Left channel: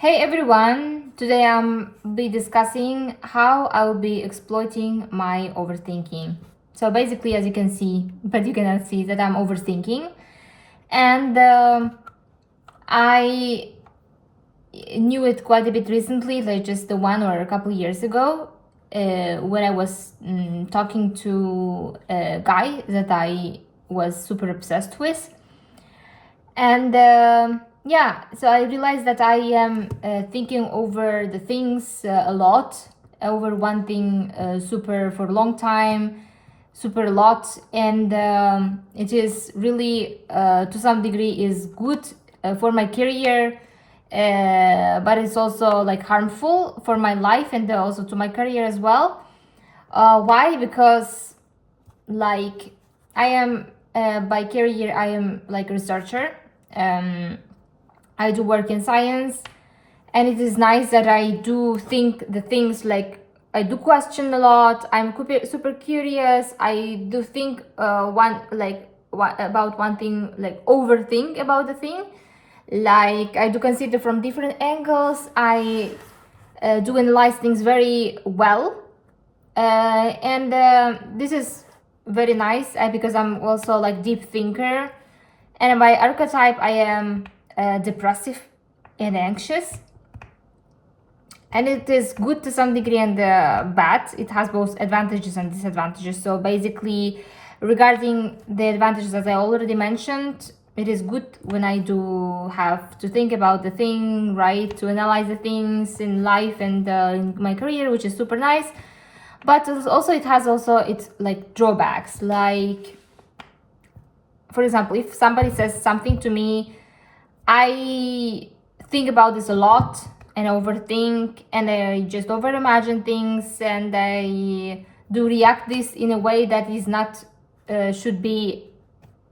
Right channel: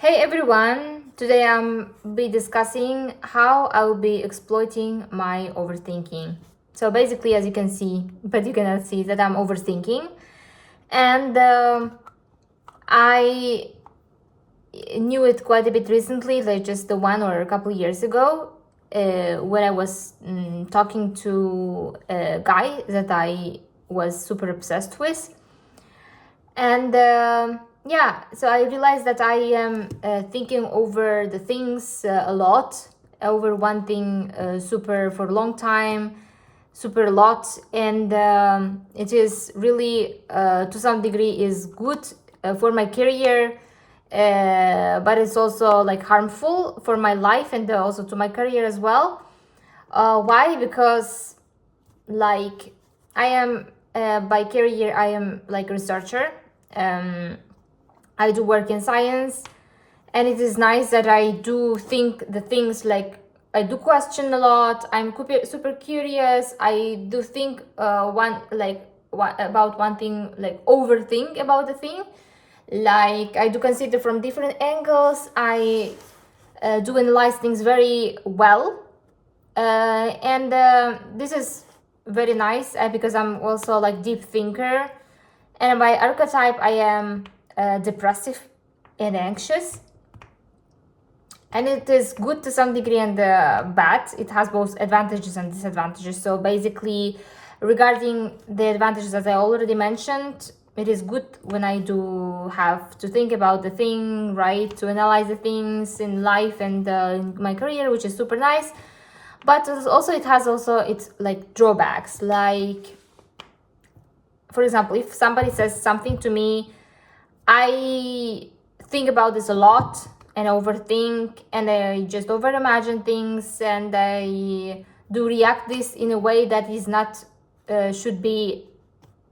Hey everyone, today I'm be discussing how I will be exploiting my overthinking. So basically, as you can see, but you cannot see that I'm overthinking, and I knew it quite a bit recently, like just the one or a couple years ago, when I was talking to a guy that I was super obsessed with. And yeah, so I realized that I am thinking over the things a lot, over one thing super for a long time, super a lot, and it is really to some degree is good for my career, but it's also like harmful for my life and also to my career as well. Why? Because like I am by career I am like researcher. um, I do work in science, and it is nice that I do think the things like I do question a lot. I'm super curious. I do think about one thing, like overthink about the thing. Like I do consider from different angles. I do analyze things very well, and this is very nice because I'm also like deep thinker, and by archetype I am depressive and anxious, and it is good to some degree and bad. It has both advantages and disadvantages. So basically, regarding the advantages that I already mentioned, it is good when I do have to think about the thing, right, to analyze the things in life and in my career, which is super nice. But also it has also its like drawbacks. Like, for example, if somebody says something to me, I think about this a lot and overthink, and I just overimagine things, and I do react this in a way that is not should be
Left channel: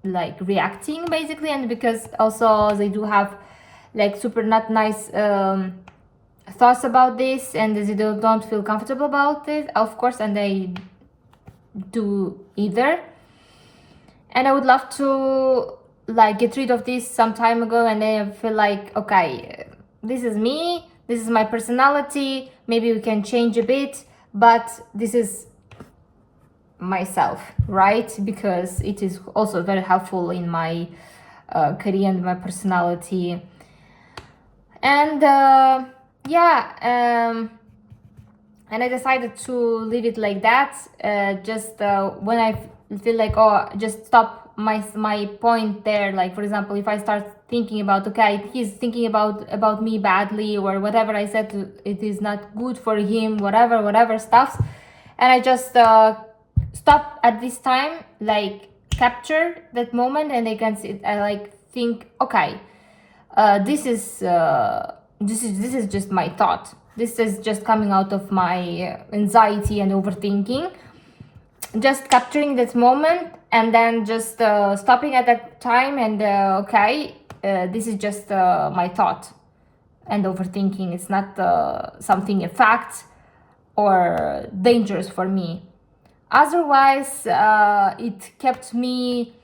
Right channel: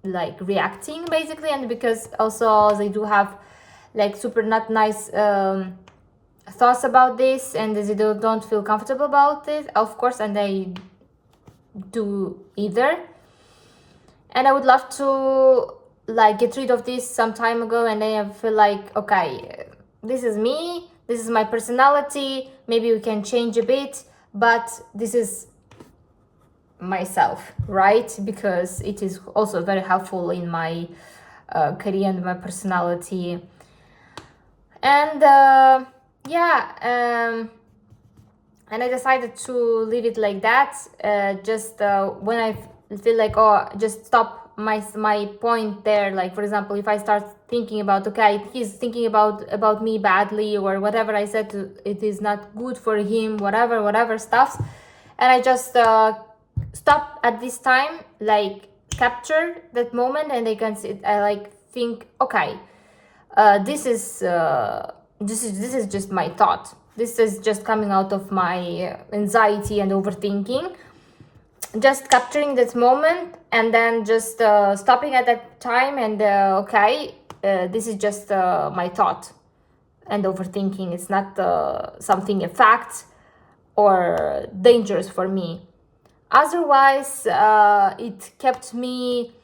like reacting basically. And because also they do have like super not nice thoughts about this, and they don't feel comfortable about it, of course, and they do either. And I would love to like get rid of this some time ago, and then I feel like, okay, this is me, this is my personality, maybe we can change a bit, but this is myself, right? Because it is also very helpful in my career and my personality. And yeah, and I decided to leave it like that. Just when I feel like, oh, just stop my point there. Like, for example, if I start thinking about, okay, he's thinking about me badly, or whatever I said it is not good for him, whatever stuff, and I just stop at this time, like capture that moment, and I like think, okay, this is just my thought. This is just coming out of my anxiety and overthinking. Just capturing that moment, and then just stopping at that time, and okay, this is just my thought and overthinking. It's not something a fact or dangerous for me. Otherwise, it kept me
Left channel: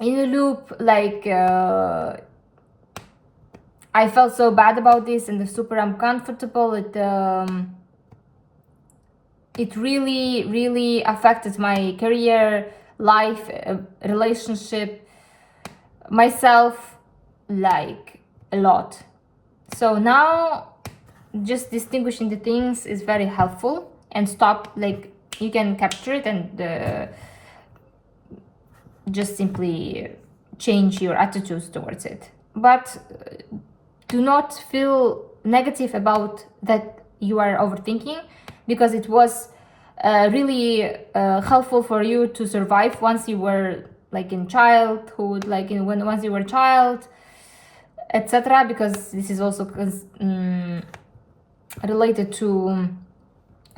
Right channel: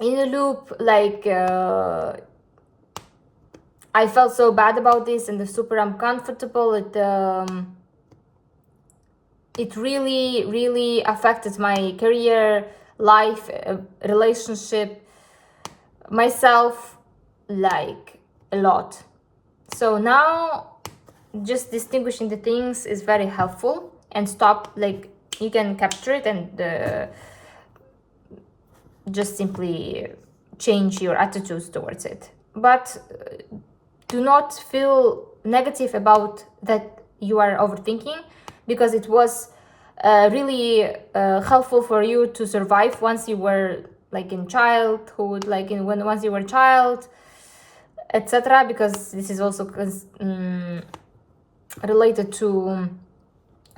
in a loop, like I felt so bad about this and super uncomfortable. It really affected my career, life, relationship, myself, like a lot. So now just distinguishing the things is very helpful, and stop, like you can capture it and just simply change your attitudes towards it. But do not feel negative about that you are overthinking, because it was really helpful for you to survive once you were like in childhood, like once you were a child, etc. Because this is also related to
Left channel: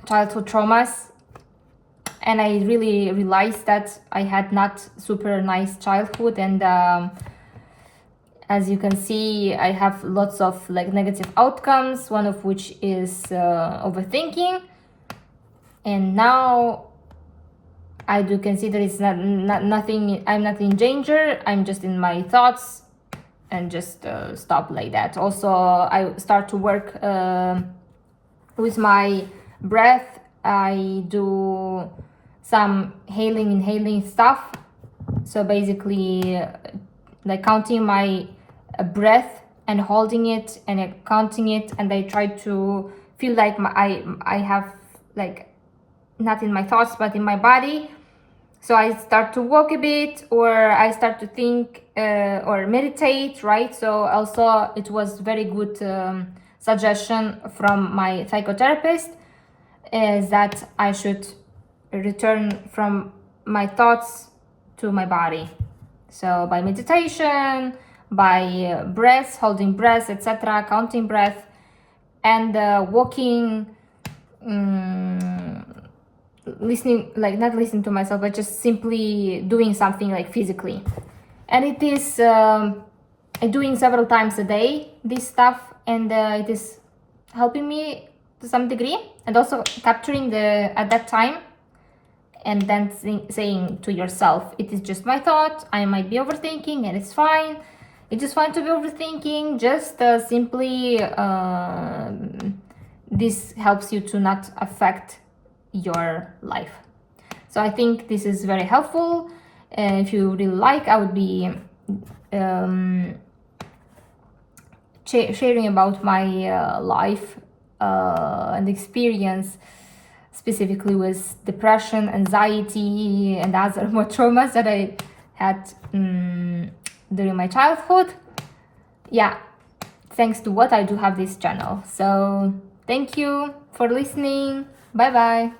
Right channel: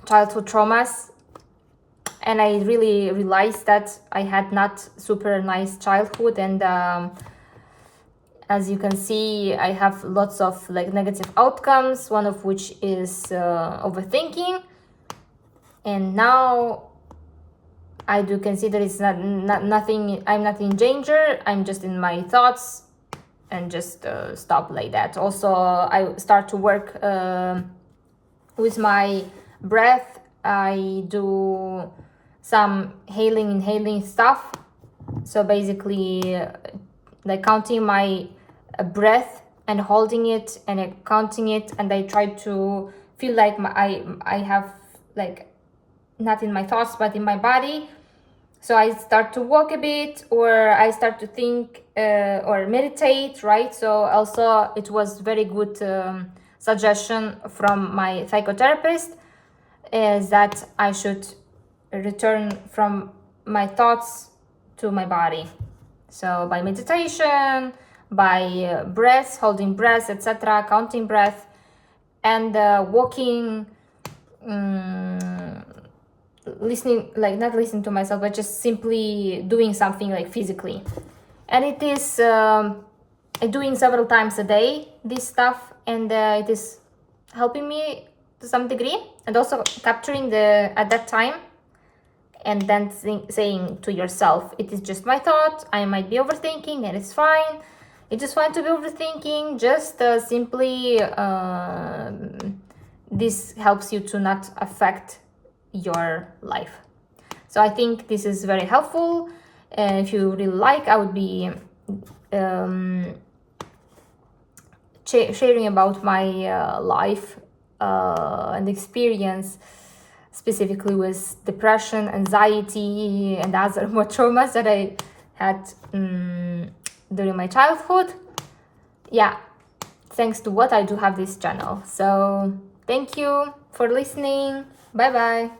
childhood traumas, and I really realized that I had not super nice childhood, and as you can see, I have lots of like negative outcomes, one of which is overthinking. And now I do consider it's not nothing, I'm not in danger, I'm just in my thoughts, and just stop like that. Also, I start to work with my breath. I do some inhaling stuff. So basically, like counting my breath and holding it and counting it, and I try to feel like I have like not in my thoughts but in my body. So I start to walk a bit, or I start to think or meditate, right? So also it was very good suggestion from my psychotherapist, is that I should return from my thoughts to my body. So by meditation, by breath, holding breath, etc., counting breath, and walking, listening, like not listening to myself, but just simply doing something like physically. And it is doing several times a day this stuff, and it is helping me to some degree, and also capturing the at that time, and then saying to yourself, it is just my thought, I might be overthinking, and it's fine. It is fine to be overthinking. Just simply this helps you to not affect your life. So I think this is very helpful. If you really like, I would be sharing about my life and experience, specifically with depression, anxiety, and other more traumas that I had during my childhood. Yeah, thanks to what I do have this channel. So thank you for listening. Bye bye.